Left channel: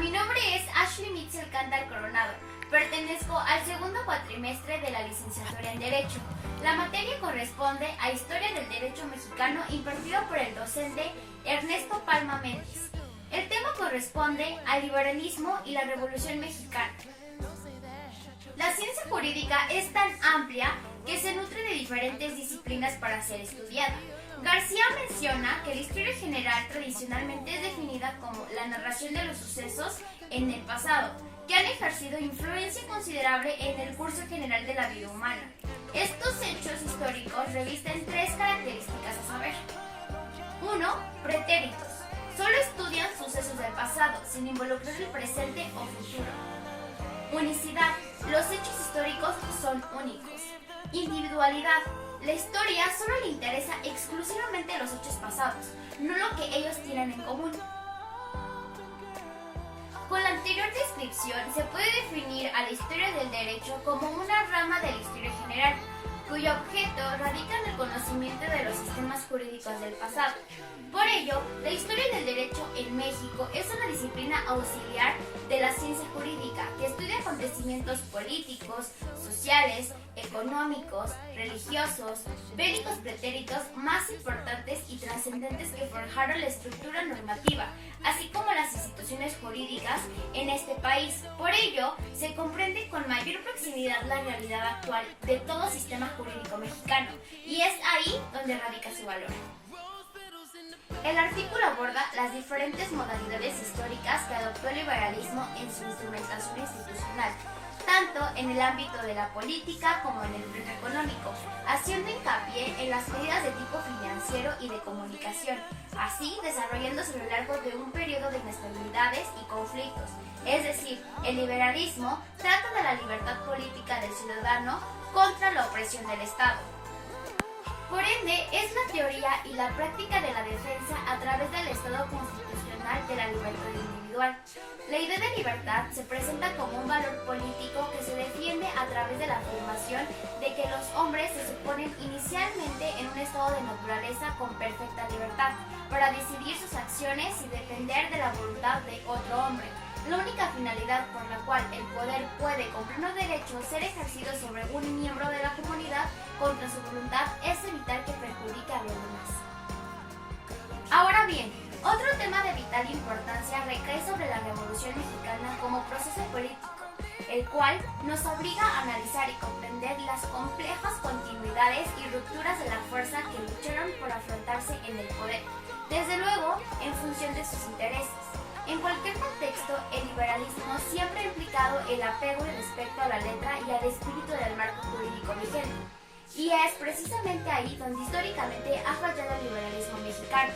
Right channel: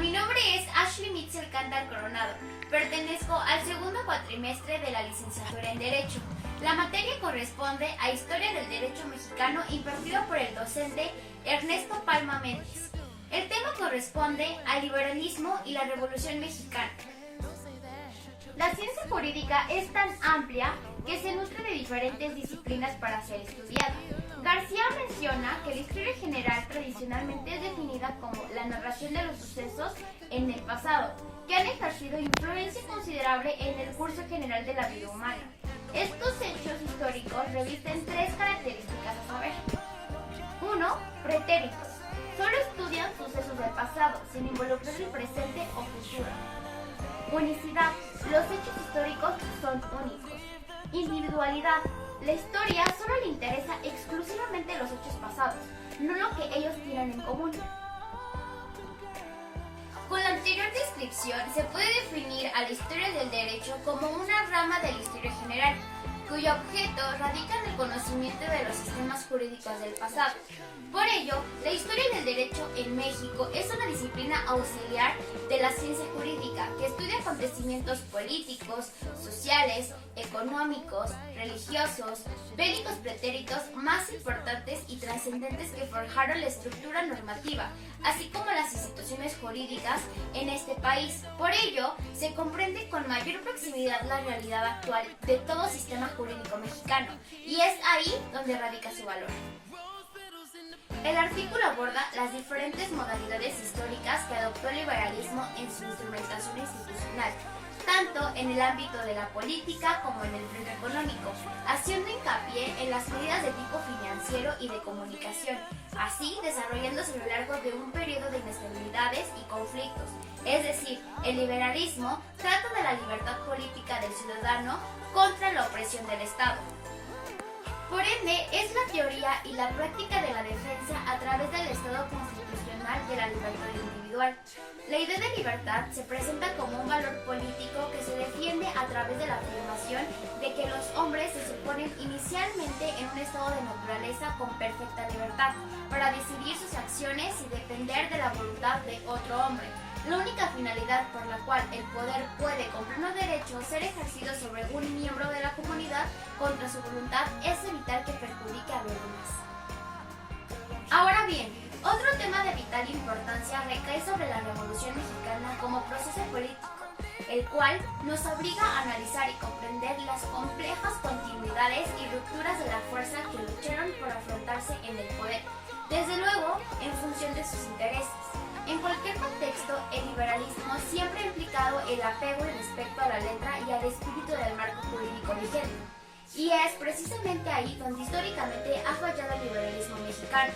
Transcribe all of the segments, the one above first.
Mi nombre es Ashley Mitchell Cantal Coronado. Pertenezco al segundo cuatrimestre de la licenciatura en Derecho. La materia corresponde a Historia del Derecho Mexicano impartido por el docente Ernesto Palma Méndez. El tema corresponde al liberalismo y la Revolución Mexicana. La ciencia jurídica es tan amplia que se nutre de diferentes disciplinas para ser estudiada. García menciona que la historia general tradicionalmente es definida como la narración de los sucesos en el pasado, que han ejercido influencia considerable en el curso general de la vida humana. Estos hechos históricos revisten tres características a saber. 1. Pretéritos. Solo estudian sucesos del pasado, sin involucrar el presente o futuro. Unicidad. Los hechos históricos son únicos. Individualidad. La historia solo le interesa exclusivamente los hechos pasados, no lo que ellos tienen en común. Con la anterior descripción se puede definir a la historia del derecho como una rama de la historia general, cuyo objeto radica en el conocimiento de los sistemas jurídicos del pasado. Por ello, la historia del derecho en México es una disciplina auxiliar de la ciencia jurídica que estudia acontecimientos políticos, sociales, económicos, religiosos, bélicos pretéritos más importantes y trascendentes que forjaron la estructura normativa, así como las instituciones jurídicas en este país. Por ello, se comprende con mayor proximidad la realidad actual de todo sistema jurídico mexicano, y es ahí donde radica su valor. El artículo aborda las diferentes modalidades históricas que adoptó el liberalismo en su instrumentación institucional, tanto en el ámbito de la política como en el plano económico, haciendo hincapié en las medidas de tipo financiero y de comunicación, así desarrollándose a lo largo de un periodo de inestabilidades y conflictos. Es decir, el liberalismo trata de la libertad política del ciudadano contra la opresión del Estado. Por ende, es la teoría y la práctica de la defensa a través del Estado constitucional de la libertad individual. La idea de libertad se presenta como un valor político que se defiende a través de la afirmación de que los hombres se suponen inicialmente en un estado de naturaleza con perfecta libertad para decidir sus acciones y depender de la voluntad de otro hombre. La única finalidad por la cual el poder puede, con pleno derecho, ser ejercido sobre un miembro de la comunidad contra su voluntad es evitar que perjudique a los demás. Ahora bien, otro tema de vital importancia recae sobre la Revolución Mexicana como proceso político, el cual nos obliga a analizar y comprender las complejas continuidades y rupturas de la fuerza que lucharon por afrontarse en el poder, desde luego en función de sus intereses. En cualquier contexto, el liberalismo siempre ha implicado el apego y respeto a la letra y al espíritu del marco jurídico vigente. Y es precisamente ahí donde históricamente ha fallado el liberalismo mexicano.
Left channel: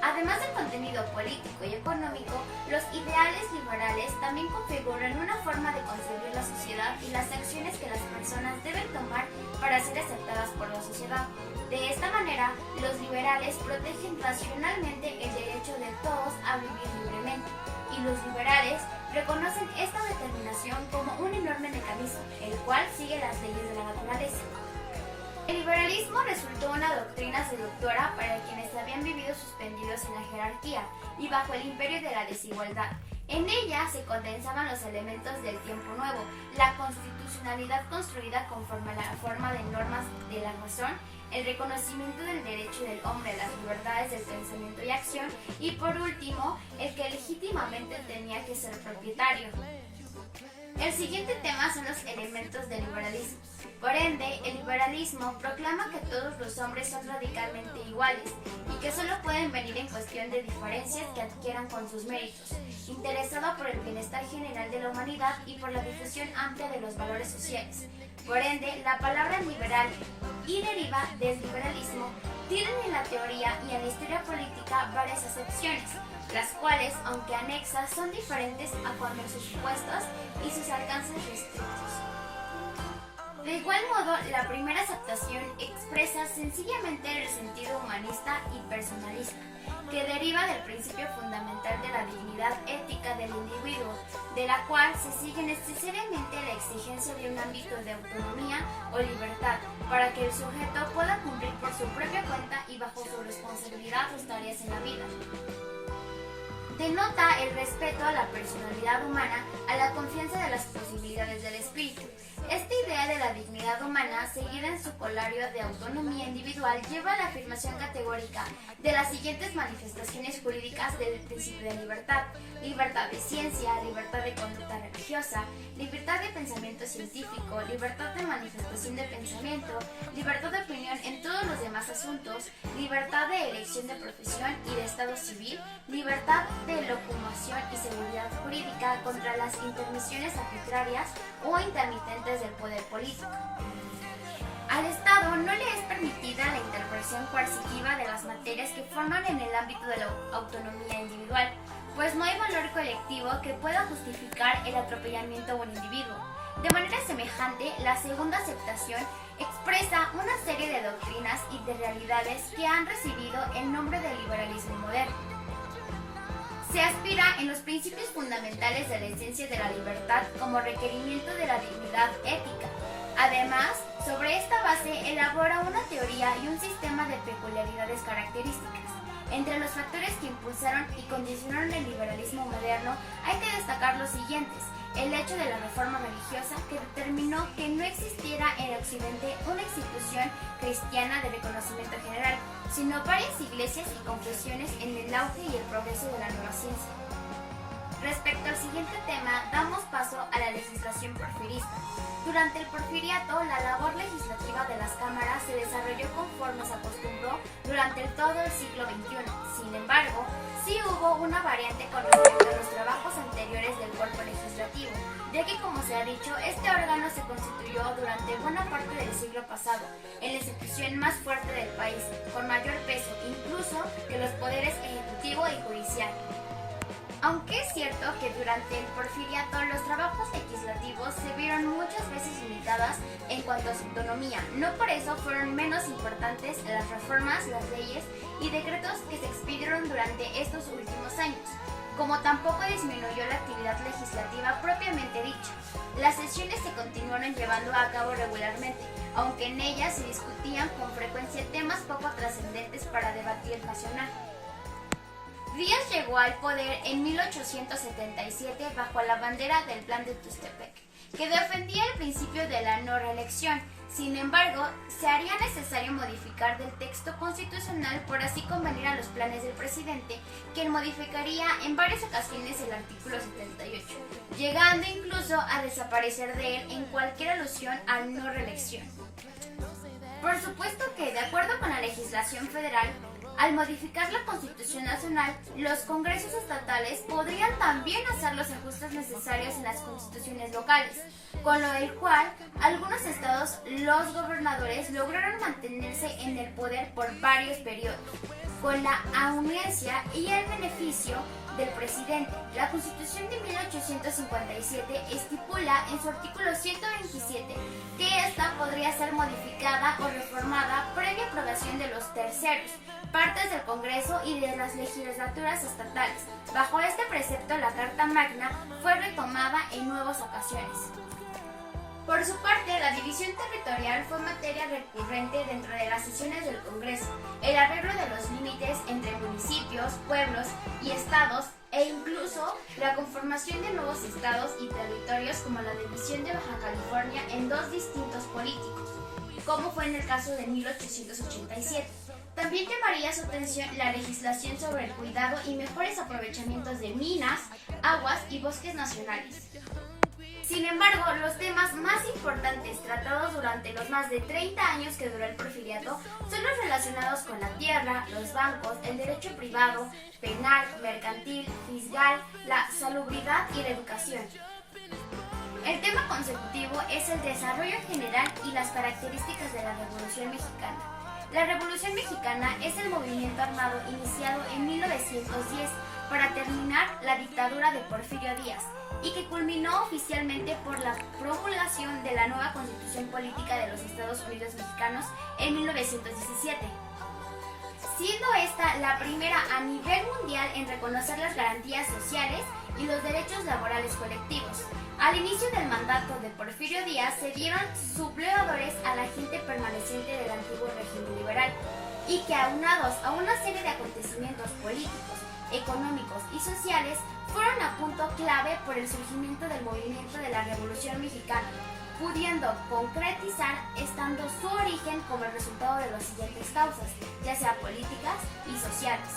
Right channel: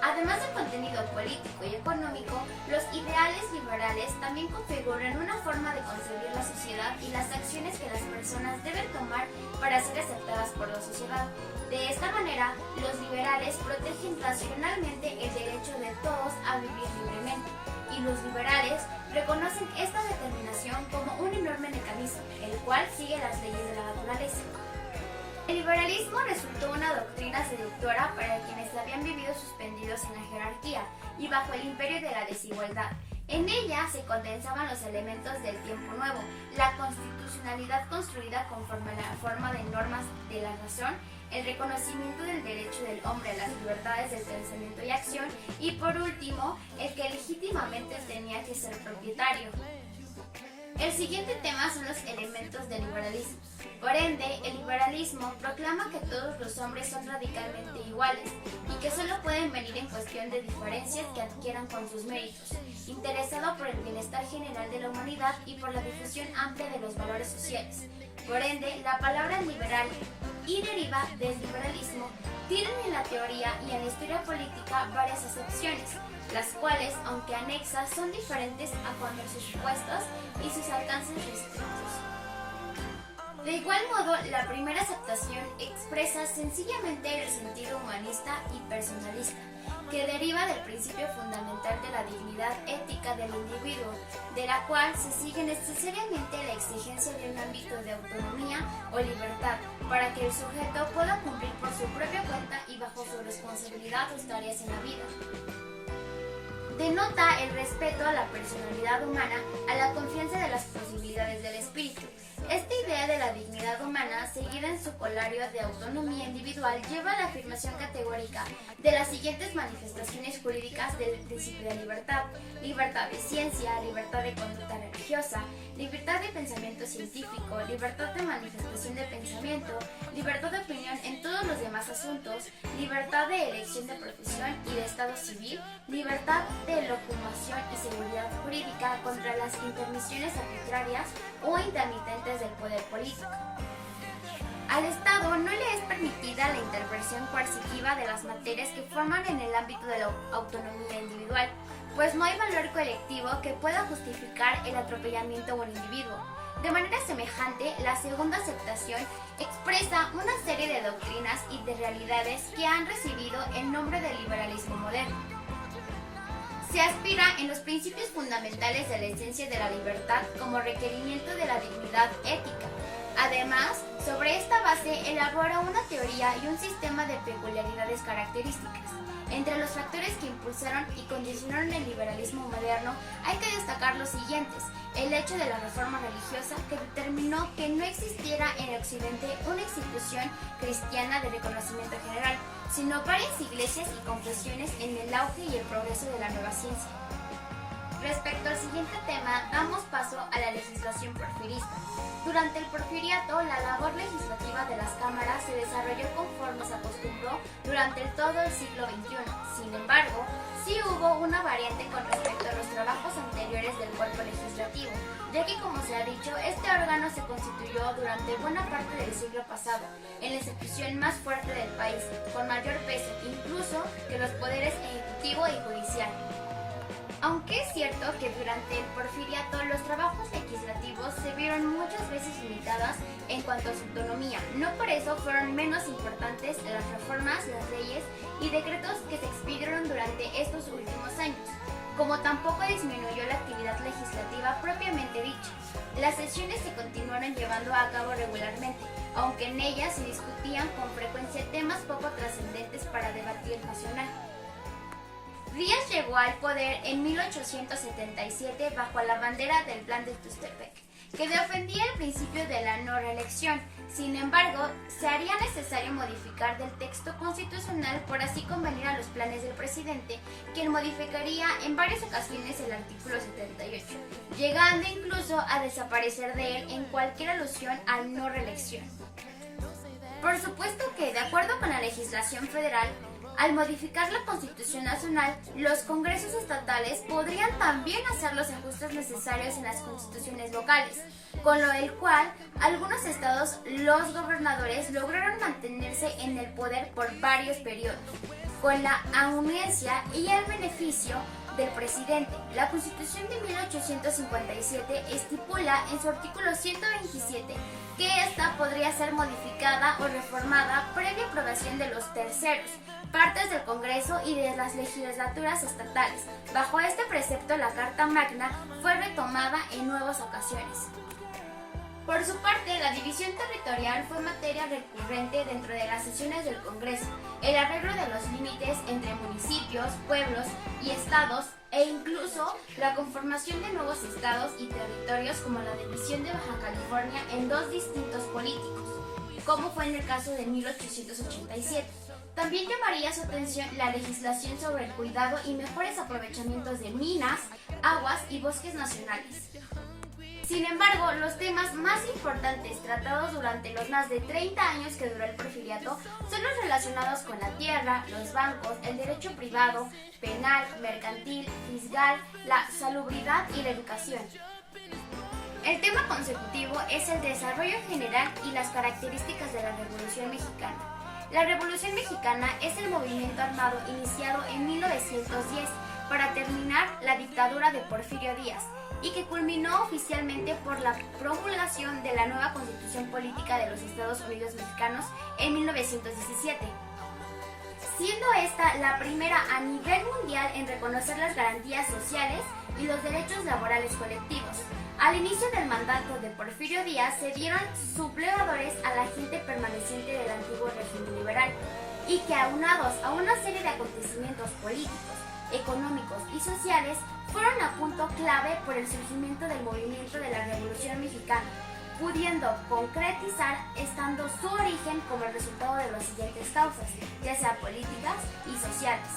Además del contenido político y económico, los ideales liberales también configuran una forma de concebir la sociedad y las acciones que las personas deben tomar para ser aceptadas por la sociedad. De esta manera, los liberales protegen racionalmente el derecho de todos a vivir libremente, y los liberales reconocen esta determinación como un enorme mecanismo, el cual sigue las leyes de la naturaleza. El liberalismo resultó una doctrina seductora para quienes habían vivido suspendidos en la jerarquía y bajo el imperio de la desigualdad. En ella se condensaban los elementos del tiempo nuevo, la constitucionalidad construida conforme a la forma de normas de la razón, el reconocimiento del derecho del hombre a las libertades del pensamiento y acción, y por último, el que legítimamente tenía que ser propietario. El siguiente tema son los elementos del liberalismo. Por ende, el liberalismo proclama que todos los hombres son radicalmente iguales y que solo pueden venir en cuestión de diferencias que adquieran con sus méritos, interesado por el bienestar general de la humanidad y por la difusión amplia de los valores sociales. Por ende, la palabra liberal y deriva del liberalismo tienen en la teoría y en la historia política varias acepciones, las cuales, aunque anexas, son diferentes a cuanto a sus supuestos y sus alcances restrictos. De igual modo, la primera aceptación expresa sencillamente el sentido humanista y personalista, que deriva del principio fundamental de la dignidad ética del individuo, de la cual se sigue necesariamente la exigencia de un ámbito de autonomía o libertad, para que el sujeto pueda cumplir por su propia cuenta y bajo su responsabilidad sus tareas en la vida. denota el respeto a la personalidad humana, a la confianza de las posibilidades del espíritu. Esta idea de la dignidad humana, seguida en su corolario de autonomía individual, lleva a la afirmación categórica de las siguientes manifestaciones jurídicas del principio de libertad: libertad de ciencia, libertad de conducta religiosa, libertad de pensamiento científico, libertad de manifestación de pensamiento, libertad de opinión en todos los demás asuntos, libertad de elección de profesión y de estado civil, libertad de locomoción y seguridad jurídica contra las intermisiones arbitrarias o intermitentes del poder político. Al Estado no le es permitida la intervención coercitiva de las materias que forman en el ámbito de la autonomía individual, pues no hay valor colectivo que pueda justificar el atropellamiento de un individuo. De manera semejante, la segunda aceptación expresa una serie de doctrinas y de realidades que han recibido el nombre de liberalismo moderno. Se aspira en los principios fundamentales de la esencia de la libertad como requerimiento de la dignidad ética. Además, sobre esta base elabora una teoría y un sistema de peculiaridades características. Entre los factores que impulsaron y condicionaron el liberalismo moderno hay que destacar los siguientes: el hecho de la reforma religiosa, que determinó que no existiera en Occidente una institución cristiana de reconocimiento general, sino varias iglesias y confesiones en el auge y el progreso de la nueva ciencia. Respecto al siguiente tema, damos paso a la legislación porfirista. Durante el porfiriato, la labor legislativa de las cámaras se desarrolló conforme se acostumbró durante todo el siglo XXI. Sin embargo, sí hubo una variante con respecto a los trabajos anteriores del cuerpo legislativo, ya que, como se ha dicho, este órgano se constituyó durante buena parte del siglo pasado, en la institución más fuerte del país, con mayor peso incluso que los poderes ejecutivo y judicial. Aunque es cierto que durante el porfiriato los trabajos legislativos se vieron muchas veces limitadas en cuanto a su autonomía, no por eso fueron menos importantes las reformas, las leyes y decretos que se expidieron durante estos últimos años, como tampoco disminuyó la actividad legislativa propiamente dicha. Las sesiones se continuaron llevando a cabo regularmente, aunque en ellas se discutían con frecuencia temas poco trascendentes para debatir nacional. Díaz llegó al poder en 1877 bajo la bandera del Plan de Tuxtepec, que defendía el principio de la no reelección. Sin embargo, se haría necesario modificar del texto constitucional por así convenir a los planes del presidente, quien modificaría en varias ocasiones el artículo 78, llegando incluso a desaparecer de él en cualquier alusión a no reelección. Por supuesto que, de acuerdo con la legislación federal, al modificar la Constitución Nacional, los congresos estatales podrían también hacer los ajustes necesarios en las constituciones locales, con lo del cual algunos estados, los gobernadores lograron mantenerse en el poder por varios periodos, con la anuencia y el beneficio del presidente. La Constitución de 1857 estipula en su artículo 127 que ésta podría ser modificada o reformada previa aprobación de los terceros, partes del Congreso y de las legislaturas estatales. Bajo este precepto, la Carta Magna fue retomada en nuevas ocasiones. Por su parte, la división territorial fue materia recurrente dentro de las sesiones del Congreso. El arreglo de los límites entre municipios, pueblos y estados, e incluso la conformación de nuevos estados y territorios, como la división de Baja California en dos distintos políticos, como fue en el caso de 1887. También llamaría su atención la legislación sobre el cuidado y mejores aprovechamientos de minas, aguas y bosques nacionales. Sin embargo, los temas más importantes tratados durante los más de 30 años que duró el porfiriato son los relacionados con la tierra, los bancos, el derecho privado, penal, mercantil, fiscal, la salubridad y la educación. El tema consecutivo es el desarrollo general y las características de la Revolución Mexicana. La Revolución Mexicana es el movimiento armado iniciado en 1910 para terminar la dictadura de Porfirio Díaz, y que culminó oficialmente por la promulgación de la nueva Constitución Política de los Estados Unidos Mexicanos en 1917, siendo esta la primera a nivel mundial en reconocer las garantías sociales y los derechos laborales colectivos. Al inicio del mandato de Porfirio Díaz se dieron sublevadores a la gente permaneciente del antiguo régimen liberal, y que, aunados a una serie de acontecimientos políticos, económicos y sociales fueron a punto clave por el surgimiento del movimiento de la Revolución Mexicana, pudiendo concretizar estando su origen como el resultado de las siguientes causas, ya sea políticas y sociales.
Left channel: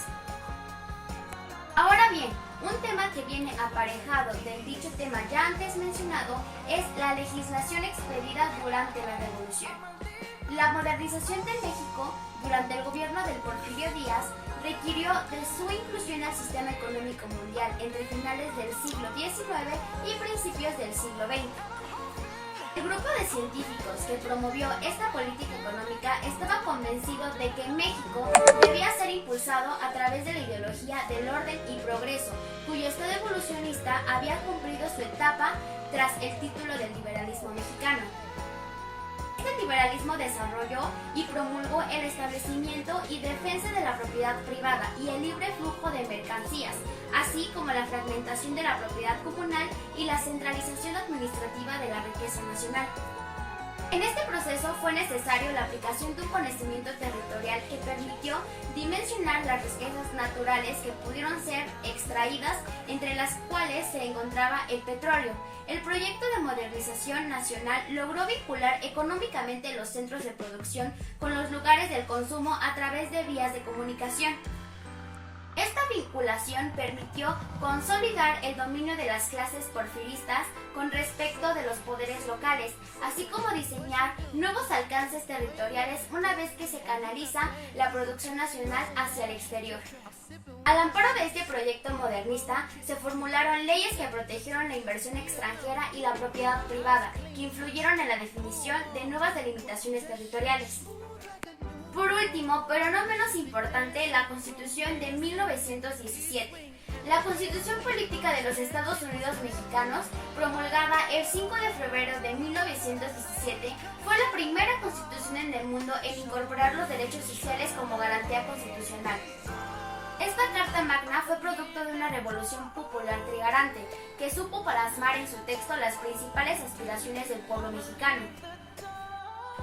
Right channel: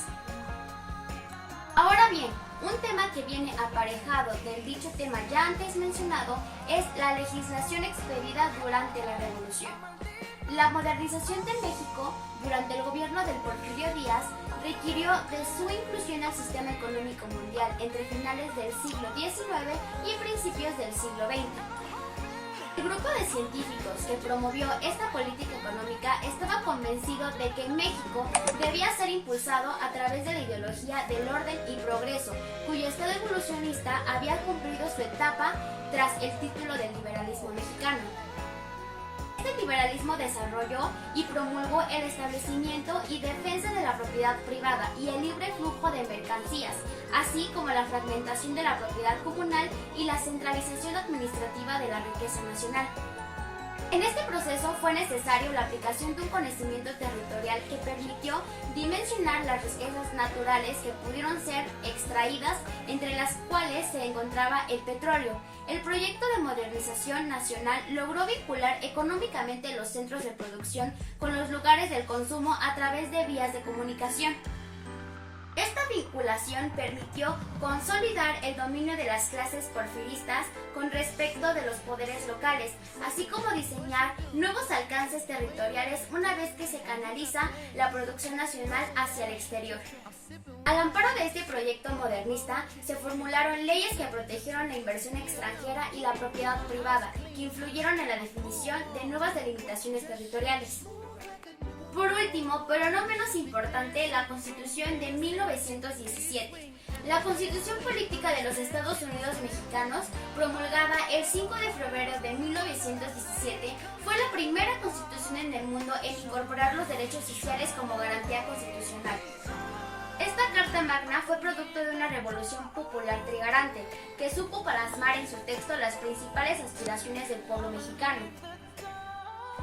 Ahora bien, un tema que viene aparejado del dicho tema ya antes mencionado es la legislación expedida durante la Revolución. La modernización de México durante el gobierno del Porfirio Díaz requirió de su inclusión al sistema económico mundial entre finales del siglo XIX y principios del siglo XX. El grupo de científicos que promovió esta política económica estaba convencido de que México debía ser impulsado a través de la ideología del orden y progreso, cuyo estado evolucionista había cumplido su etapa tras el título del liberalismo mexicano. Este liberalismo desarrolló y promulgó el establecimiento y defensa de la propiedad privada y el libre flujo de mercancías, así como la fragmentación de la propiedad comunal y la centralización administrativa de la riqueza nacional. En este proceso fue necesario la aplicación de un conocimiento territorial que permitió dimensionar las riquezas naturales que pudieron ser extraídas, entre las cuales se encontraba el petróleo. El proyecto de modernización nacional logró vincular económicamente los centros de producción con los lugares del consumo a través de vías de comunicación. Esta vinculación permitió consolidar el dominio de las clases porfiristas con respecto de los poderes locales, así como diseñar nuevos alcances territoriales una vez que se canaliza la producción nacional hacia el exterior. Al amparo de este proyecto modernista, se formularon leyes que protegieron la inversión extranjera y la propiedad privada, que influyeron en la definición de nuevas delimitaciones territoriales. Por último, pero no menos importante, la Constitución de 1917. La Constitución Política de los Estados Unidos Mexicanos, promulgada el 5 de febrero de 1917, fue la primera constitución en el mundo en incorporar los derechos sociales como garantía constitucional. Esta Carta Magna fue producto de una revolución popular trigarante, que supo plasmar en su texto las principales aspiraciones del pueblo mexicano.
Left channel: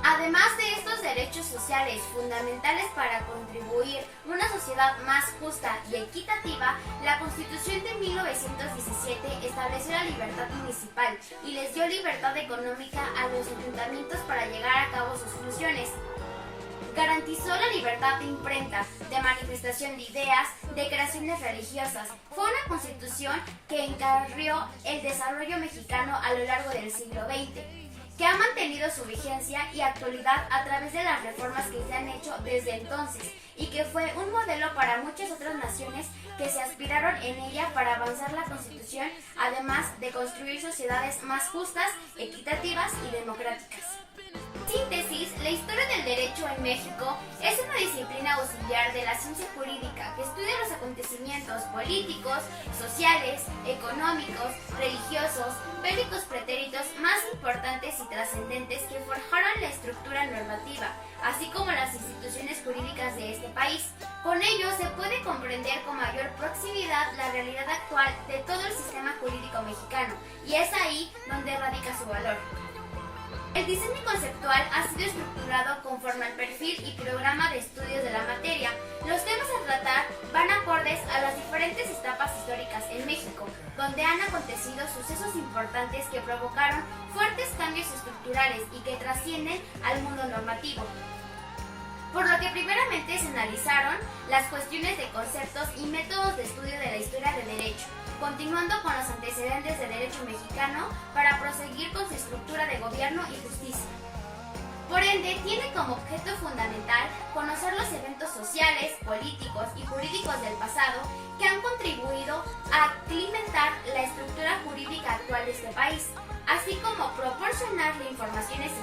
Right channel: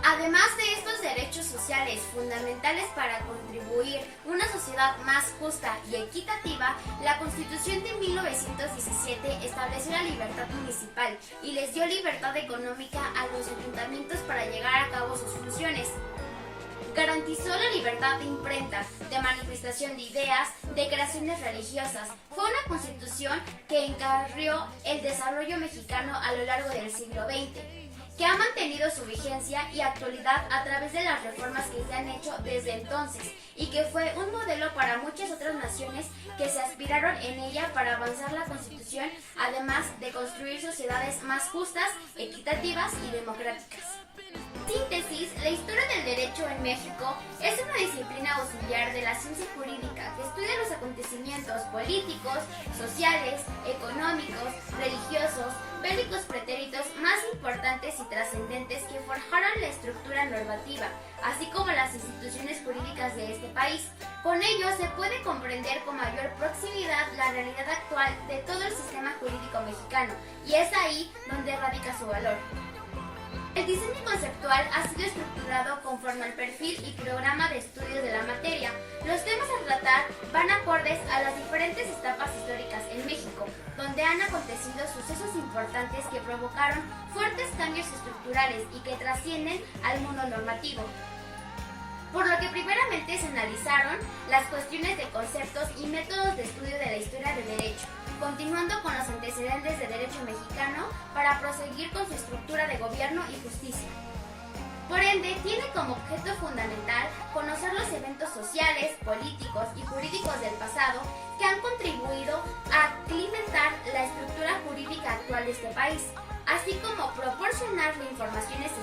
Además de estos derechos sociales fundamentales para contribuir a una sociedad más justa y equitativa, la Constitución de 1917 estableció la libertad municipal y les dio libertad económica a los ayuntamientos para llevar a cabo sus funciones. Garantizó la libertad de imprenta, de manifestación de ideas, de creaciones religiosas. Fue una constitución que encarrió el desarrollo mexicano a lo largo del siglo XX, que ha mantenido su vigencia y actualidad a través de las reformas que se han hecho desde entonces y que fue un modelo para muchas otras naciones que se aspiraron en ella para avanzar la Constitución, además de construir sociedades más justas, equitativas y democráticas. Síntesis, la historia del derecho en México es una disciplina auxiliar de la ciencia jurídica que estudia los acontecimientos políticos, sociales, económicos, religiosos, bélicos pretéritos más importantes y trascendentes que forjaron la estructura normativa, así como las instituciones jurídicas de este país. Con ello se puede comprender con mayor proximidad la realidad actual de todo el sistema jurídico mexicano, y es ahí donde radica su valor. El diseño conceptual ha sido estructurado conforme al perfil y programa de estudios de la materia. Los temas a tratar van acordes a las diferentes etapas históricas en México, donde han acontecido sucesos importantes que provocaron fuertes cambios estructurales y que trascienden al mundo normativo. Por lo que primeramente se analizaron las cuestiones de conceptos y métodos de estudio de la historia del derecho, continuando con los antecedentes del derecho mexicano para proseguir con su estructura de gobierno y justicia. Por ende, tiene como objeto fundamental conocer los eventos sociales, políticos y jurídicos del pasado que han contribuido a alimentar la estructura jurídica actual de este país, así como proporcionar la información esencial